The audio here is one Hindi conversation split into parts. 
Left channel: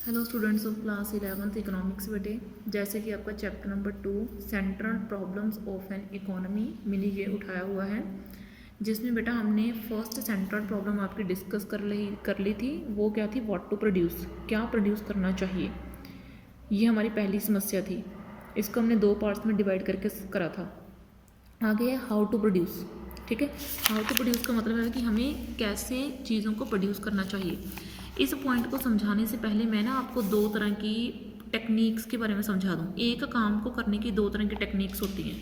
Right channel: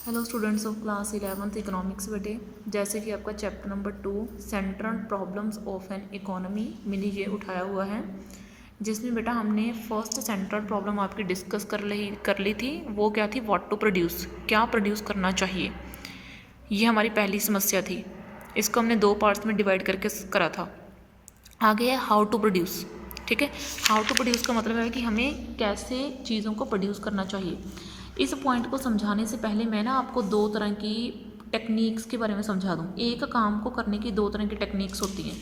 Hello students of class 11th economics बेटे, जैसे कि आपका chapter number 2 central problems of an economy मैंने ये उठाया हुआ है, जिसमें बेटा हमने फर्स्ट सेंट्रल प्रॉब्लम आपकी डिस्कस कर ली थी। वो क्या थी? व्हाट टू प्रोड्यूस, क्या प्रोड्यूस करना चाहिए। ये हमारी पहली समस्या थी। इसको हमने दो पार्ट्स में डिवाइड करके करा था। आगे है हाउ टू प्रोड्यूस। ठीक है, हाउ टू प्रोड्यूस का मतलब है कि हमें कैसे चीज़ों को प्रोड्यूस करना चाहिए। इस पॉइंट को समझाने से पहले मैं ना आपको दो तरह की टेक्निक्स के बारे में समझा दूँ। एक काम को करने की दो तरह की टेक्निक्स होती हैं।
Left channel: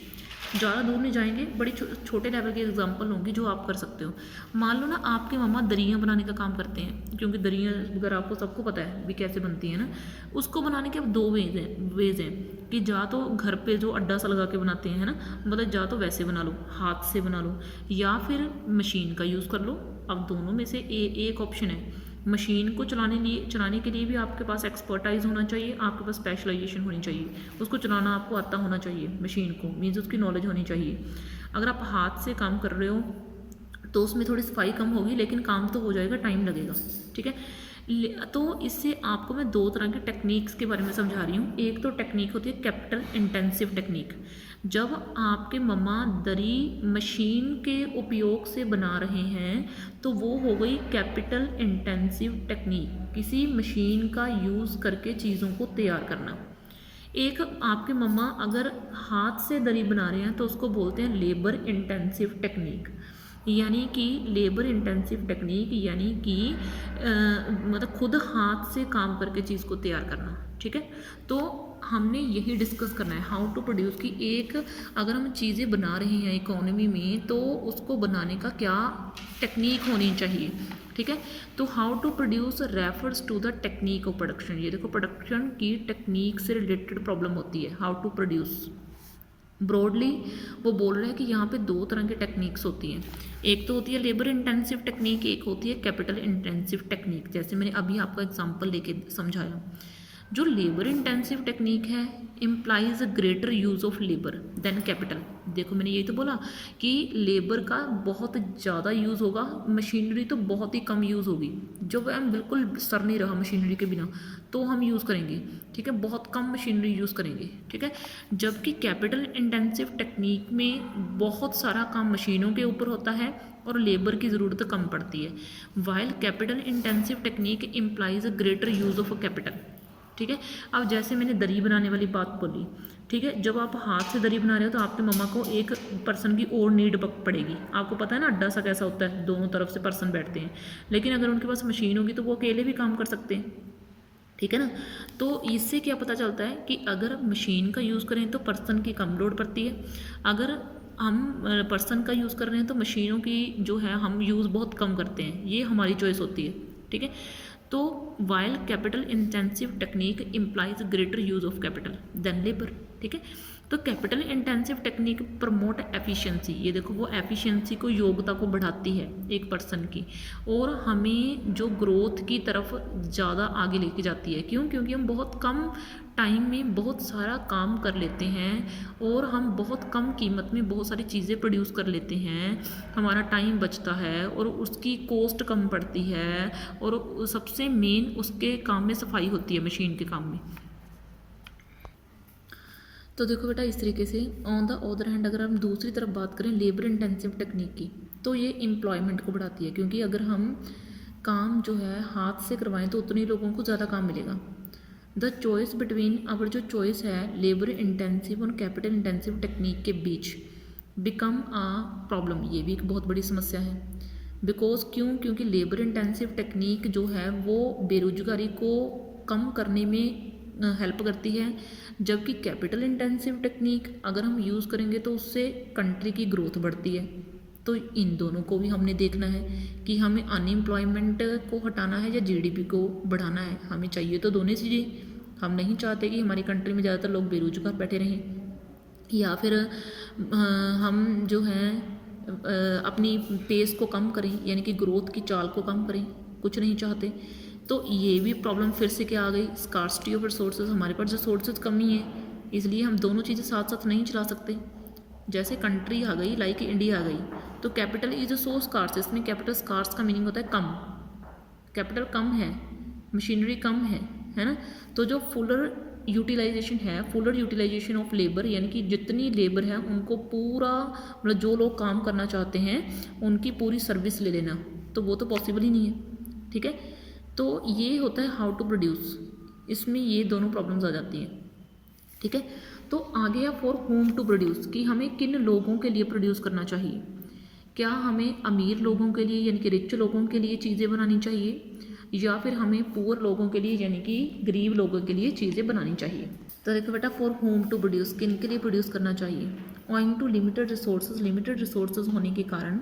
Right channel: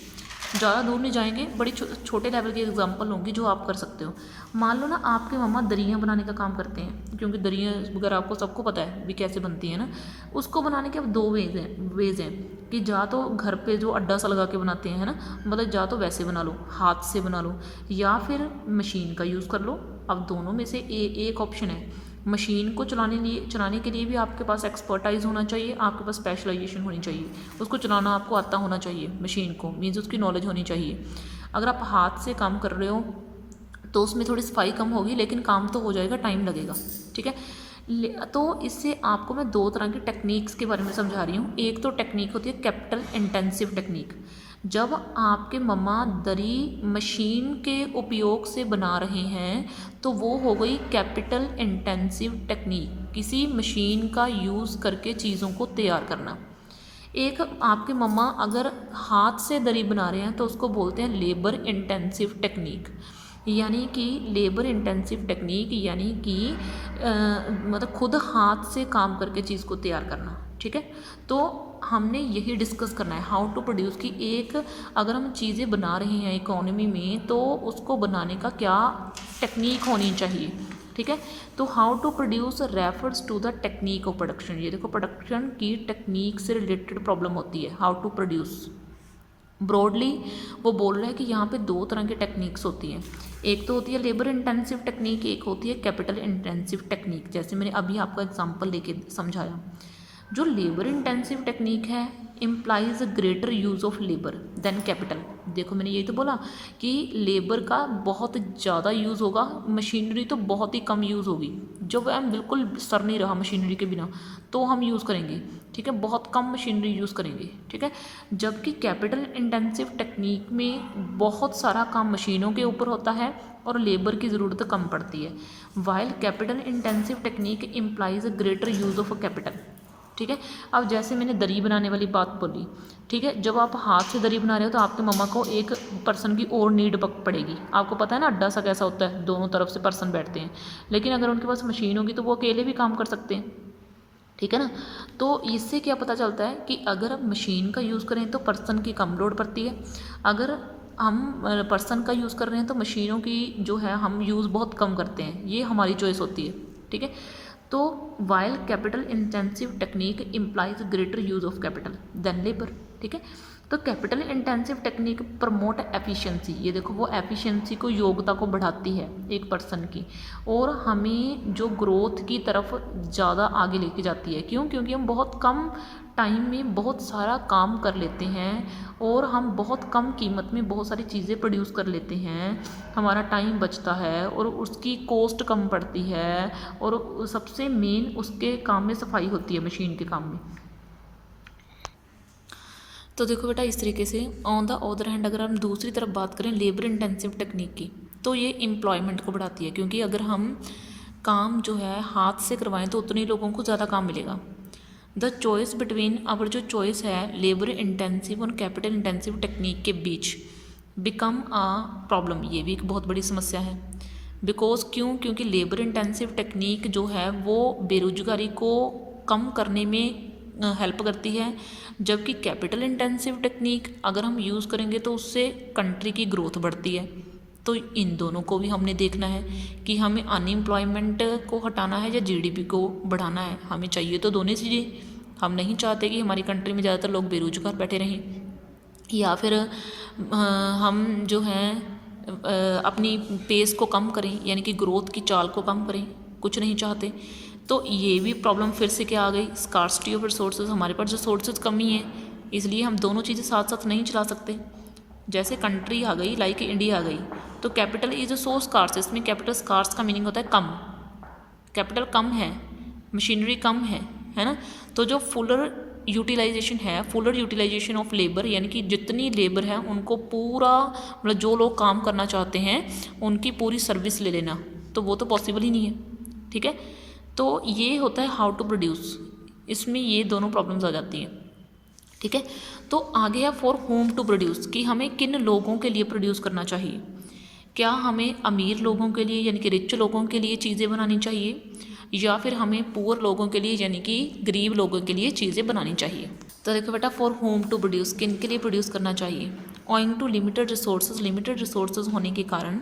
ज़्यादा दूर नहीं जाएंगे, बड़ी छोटे लेवल की एग्जांपल होंगी जो आप कर सकते हो। मान लो ना आपके मम्मा दरियाँ बनाने का काम करते हैं, क्योंकि दरियाँ वगैरह आपको सबको पता है भी कैसे बनती है ना। उसको बनाने के अब दो वेज हैं कि जा तो घर पे जो अड्डा सा लगा के बनाते हैं, है ना, मतलब जा तो वैसे बना लो, हाथ से बना लो, या फिर मशीन का यूज़ कर लो। अब दोनों में से एक ऑप्शन है। मशीन को चलाने के लिए भी आपके पास एक्सपर्टाइज होना चाहिए, आपके पास स्पेशलाइजेशन होनी चाहिए, उसको चलाना आपको आता होना चाहिए। मशीन को मीन्स उसकी नॉलेज होनी चाहिए। अगर आप हाथ से काम कर रहे हो तो उसमें थोड़ी सफाई कम होगी, लेकिन काम तो हो जाएगा, टाइम लगेगा। ठीक है, तो इससे आपको मैं दो तरह की टेक्निक्स के बारे में समझा रही हूँ। एक तो टेक्निक होती है कैपिटल इंटेंसिव टेक्निक। जब आपके मम्मा दरी मशीन के उपयोग से बना रहे हैं तो वो हो गई कैपिटल इंटेंसिव टेक्निक, किसी मशीन का यूज़ करके चीज़ों को तैयार करना। एक आपके मम्मा अगर हाथ से दरी बना रहे हैं तो उसको बोलते हैं लेबर इंटेंसिव टेक्निक। यानी कि लेबर इंटेंसिव टेक्निक यानी कि मतलब खुद हाथ से काम करके चीज़ को तैयार करना। ठीक है, तो हमने यही डिस्कस करना है हाउ टू प्रोड्यूस की। एक अगर हम चीज़ें बना रहे हैं इकोनॉमी में तो उसको बनाने का क्या टेक्निक होनी चाहिए। ठीक है, तो how to produce refers to the technique of production. ये देखो, प्रोडक्शन की टेक्निक से रिलेटेड प्रॉब्लम होती है हाउ टू प्रोड्यूस। ब्रॉडली वो बोल रहे हैं कि यहाँ पे दो तरह की टेक्निक्स होती हैं। एक तो होती है लेबर इंटेंसिव टेक्निक, एक होती है कैपिटल इंटेंसिव टेक्निक। जैसे मैंने अभी आपको एग्जांपल लेके समझाया। जो लेबर इंटेंसिव टेक्निक है employs greater use of labour than capital. देखो, मैंने ये तो बोला कि लेबर का बहुत ज़्यादा यूज़ होगा, मशीनरी तो बहुत ही कम यूज़ होगी। जब हम बिल्कुल सर नहीं रहा मशीनरी के बिना तो हम यूज़ करेंगे। ठीक है, बहुत कम मशीनरी यूज़ करेंगे। ठीक है, जबकि कैपिटल इंटेंसिव टेक्निक में बहुत सारा काम मशीनों के ऊपर होता है और लेबर की ज़रूरत कम पड़ती है। While capital intensive technique employs greater use of capital. ठीक है, अब जैसे मैंने दरी बनाने वाली बात बोली। ठीक है, जब आप हाथ से दरी बना रहे हो तो आपके मम्मा को एक पर्सन की और नीड पड़ेगी। आपको पता है ना अड्डा सा कैसा होता है, दोनों तरफ से पर्सन बैठते हैं। लेकिन अगर उनके पास मशीन होगी तो वो अकेले भी काम कर सकते हैं। ठीक है ना, तो इससे क्या पता चलता है कि अगर मशीन का यूज़ करें तो पर्सन की कम लोड पड़ती है, अगर हम पर्सन का यूज़ कर रहे हैं तो मशीनों की जो है हम यूज़ बहुत कम करते हैं। ये हमारी चॉइस होती है। ठीक है, तो while capital intensive technique employs greater use of capital than labour. ठीक है, तो capital intensive technique promote efficiency. ये देखो, वो एफिशिएंसी को, योग्यता को बढ़ाती है एक पर्सन की, और हमें जो ग्रोथ की तरफ ज़्यादा आगे लेके जाती है। क्यों? क्योंकि हम बहुत कम टाइम में बहुत सारा काम कर लेते हैं और हम बहुत कम कीमत में बहुत सारी चीज़ें प्रोड्यूस कर लेते हैं। हमारा टाइम बचता है और उसकी कॉस्ट कम पड़ती है, और सबसे मेन उसके काम में सफाई होती है, मशीन के काम में। तो देखो बेटा, इस तरीके से ऑन द अदर हैंड अगर हम दूसरी तरफ बात करें लेबर इंटेंसिव टेक्निक की, तो ये एम्प्लॉयमेंट को बढ़ाती है। क्योंकि अगर हम काम जो है हाथ से करवाएं तो उतने लोगों को ज़्यादा काम मिलेगा। द चॉइस बिटवीन, अवर जो चॉइस है लेबर इंटेंसिव और कैपिटल इंटेंसिव टेक्निक के बीच बिकम आ प्रॉब्लम। ये भी एक बहुत बड़ी समस्या है। बिकॉज क्यों? क्योंकि लेबर इंटेंसिव टेक्निक जो है वो बेरोजगारी को कम करने में हेल्प करती है, जबकि कैपिटल इंटेंसिव टेक्निक अगर हम यूज़ करेंगे तो उससे कंट्री की ग्रोथ बढ़ती है। तो इन दोनों को भी हमने देखना है कि हमें अनएम्प्लॉयमेंट को हटाना है या जीडीपी को बढ़ाना है। हमें चाहिए तो दोनों चीज़ें। हम नहीं चाहते कि हमारी कंट्री में ज़्यादातर लोग बेरोजगार बैठे रहें, या फिर हम जो हैं अपनी पेस को कम करें, यानी कि ग्रोथ की चाल को कम करें, कुछ नहीं चाहते। तो ये भी प्रॉब्लम फिर से क्या आ गई? Scarcity of resources. हमारे पास रिसोर्सेज कमी है, इसलिए हम दोनों चीज़ें साथ साथ नहीं चला सकते। जैसे कंट्री आ गई, लाइक इंडिया आ गई, तो कैपिटल इज सो स्कार्स। इसमें कैपिटल स्कार्स का मीनिंग होता है कम। कैपिटल कम है, मशीनरी कम है, है ना। तो जो फुलर यूटिलाइजेशन है, फुलर यूटिलाइजेशन ऑफ लेबर, यानी कि जितनी लेबर है उनको पूरा, मतलब जो लोग काम करना चाहते हैं उनकी पूरी सर्विस ले लेना, तो वो तो पॉसिबल ही नहीं है, ठीक है। तो ये होता है हाउ टू प्रोड्यूस, इसमें ये दोनों प्रॉब्लम्स आ जाती हैं, ठीक है। तो आगे है फॉर होम टू प्रोड्यूस, कि हमें किन लोगों के लिए प्रोड्यूस करना चाहिए। क्या हमें अमीर लोगों के लिए यानी कि रिच लोगों के लिए चीज़ें बनानी चाहिए, या फिर हमें पुअर लोगों के लिए यानी कि गरीब लोगों के लिए चीज़ें बनानी चाहिए। तो देखो बेटा, फॉर होम टू प्रोड्यूस, किन के लिए प्रोड्यूस करना चाहिए। Owing to limited resources, limited resources होने के कारण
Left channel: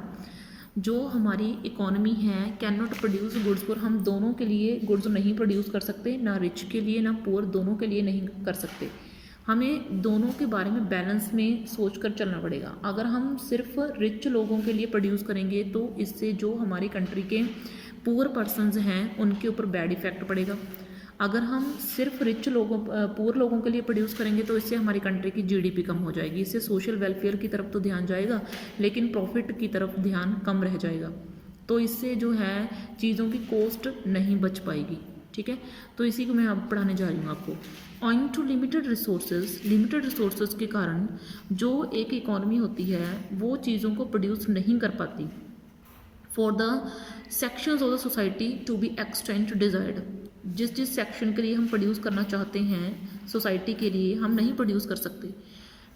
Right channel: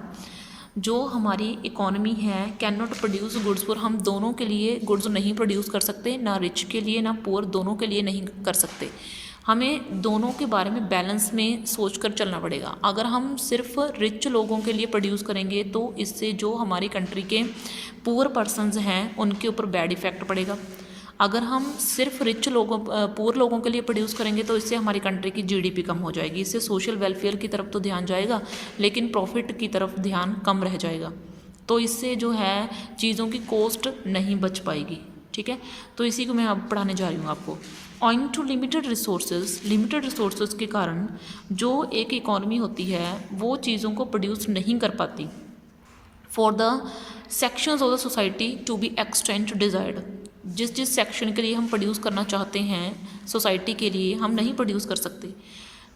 जो हमारी इकोनॉमी है can not produce goods for, हम दोनों के लिए गुड्स नहीं प्रोड्यूस कर सकते, ना रिच के लिए ना पुअर, दोनों के लिए नहीं कर सकते। हमें दोनों के बारे में बैलेंस में सोच कर चलना पड़ेगा। अगर हम सिर्फ रिच लोगों के लिए प्रोड्यूस करेंगे तो इससे जो हमारी कंट्री के पुअर पर्सनस हैं उनके ऊपर बैड इफ़ेक्ट पड़ेगा। अगर हम सिर्फ पुअर लोगों के लिए प्रोड्यूस करेंगे तो इससे हमारी कंट्री की जीडीपी कम हो जाएगी, इससे सोशल वेलफेयर की तरफ तो ध्यान जाएगा लेकिन प्रॉफिट की तरफ ध्यान कम रह जाएगा, तो इससे जो है चीज़ों की कॉस्ट नहीं बच पाएगी, ठीक है। तो इसी को मैं अब पढ़ाने जा रही हूँ आपको। ऑइंग टू लिमिटेड रिसोर्सेज के कारण जो एक इकॉनमी होती है वो चीज़ों को प्रोड्यूस नहीं कर पाती। For the sections of the society to be extent desired, जिस सेक्शन के लिए हम प्रोड्यूस करना चाहते हैं सोसाइटी के लिए हम नहीं प्रोड्यूस कर सकते।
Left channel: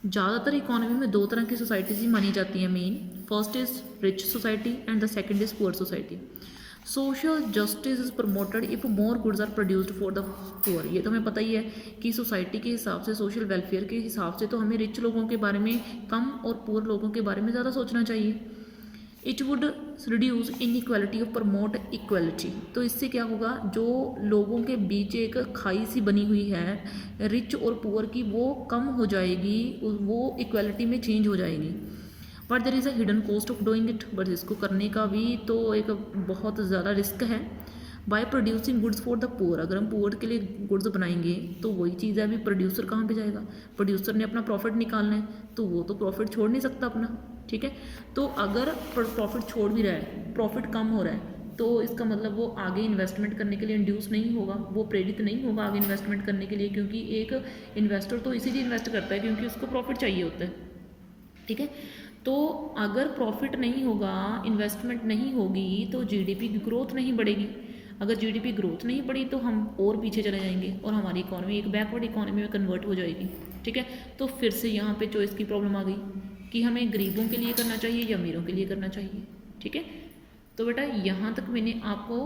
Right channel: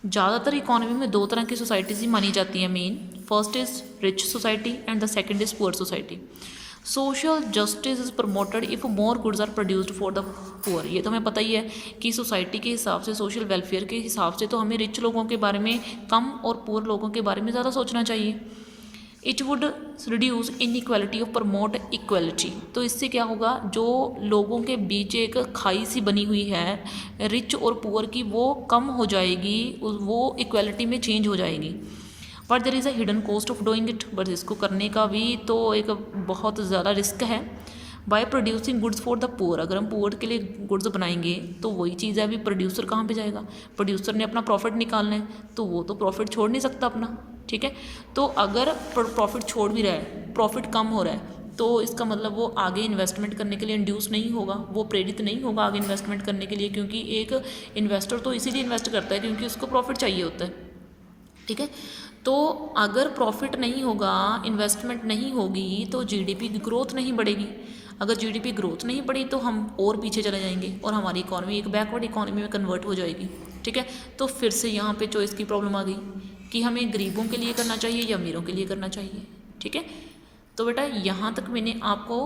ज़्यादातर इकॉनमी में दो तरह की सोसाइटीज़ ही मानी जाती हैं main, first is rich society and the second is poor society. Social justice is promoted if more goods are produced for the poor, ये तो हमें पता ही है कि सोसाइटी के हिसाब से, सोशल वेलफेयर के हिसाब से तो हमें रिच लोगों के बारे में कम और पुअर लोगों के बारे में ज़्यादा सोचना चाहिए। इट वुड रिड्यूस इनइक्वालिटी और प्रमोट इक्वलिटी, तो इससे क्या होगा, जो लोगों के बीच एक खाई सी बनी हुई है रिच और पुअर की वो कम हो जाएगी, वो इक्वलिटी में चेंज हो जाएगी। But there is a hidden cost of doing it, but इसको करने का भी तो एक बहुत ज़्यादा रिस्क है। By producing goods for the poor, अगर हम पुअर के लिए गुड्स बनाएंगे तो वही चीज़ है, अभी प्रोड्यूसर कहाँ पे जाएगा, प्रोड्यूसर ने अपना प्रॉफिट निकालना है तो वो तो प्रॉफिट छोड़ नहीं सकता अपना, ठीक है। तो अगर प्रॉफिट छोड़ भी रहा है, प्रॉफिट कम हो रहा है, तो इसका मतलब वो आगे इन्वेस्टमेंट करने के लिए इंड्यूस नहीं होगा, वो प्रेरित नहीं होगा आगे इन्वेस्टमेंट करने के लिए, क्योंकि एक इन्वेस्टर तो इसीलिए इन्वेस्ट करता है क्योंकि उसको प्रॉफिट चाहिए होता है, ठीक है। तो अगर प्रॉफिट नहीं होगा, इन्वेस्टमेंट नहीं होगी तो जीडीपी की ग्रोथ नहीं बढ़ेगी। अगर जीडीपी ग्रोथ नहीं बढ़ी तो हम और पीछे चले जाएंगे और हमारी इकॉनमी एक बैकवर्ड इकॉनमी में कन्वर्ट हो जाएगी, ठीक है। तो फिर से यहाँ पे चॉइस की प्रॉब्लम आ गई कि हमें गरीबों के लिए करना चाहिए या अमीरों के लिए करना चाहिए, ठीक है। तो बेटा यहाँ तक मैंने आपको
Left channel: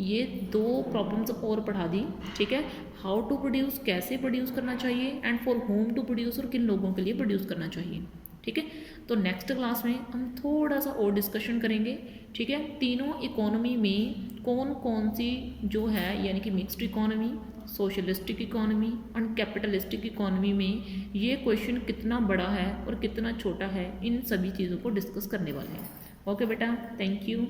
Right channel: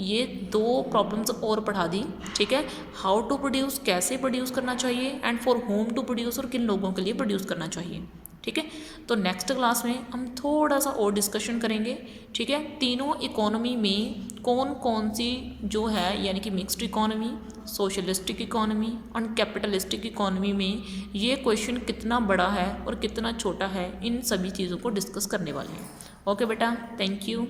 ये दो प्रॉब्लम्स और पढ़ा दी, ठीक है। हाउ टू प्रोड्यूस, कैसे प्रोड्यूस करना चाहिए, and for whom to produce, और किन लोगों के लिए प्रोड्यूस करना चाहिए, ठीक है। तो नेक्स्ट क्लास में हम थोड़ा सा और डिस्कशन करेंगे, ठीक है। तीनों इकोनॉमी में कौन कौन सी जो है, यानी कि मिक्स्ड इकोनॉमी, सोशलिस्टिक इकोनॉमी और कैपिटलिस्टिक इकोनॉमी में ये क्वेश्चन कितना बड़ा है और कितना छोटा है, इन सभी चीज़ों को डिस्कस करने वाले हैं। ओके बेटा, थैंक यू।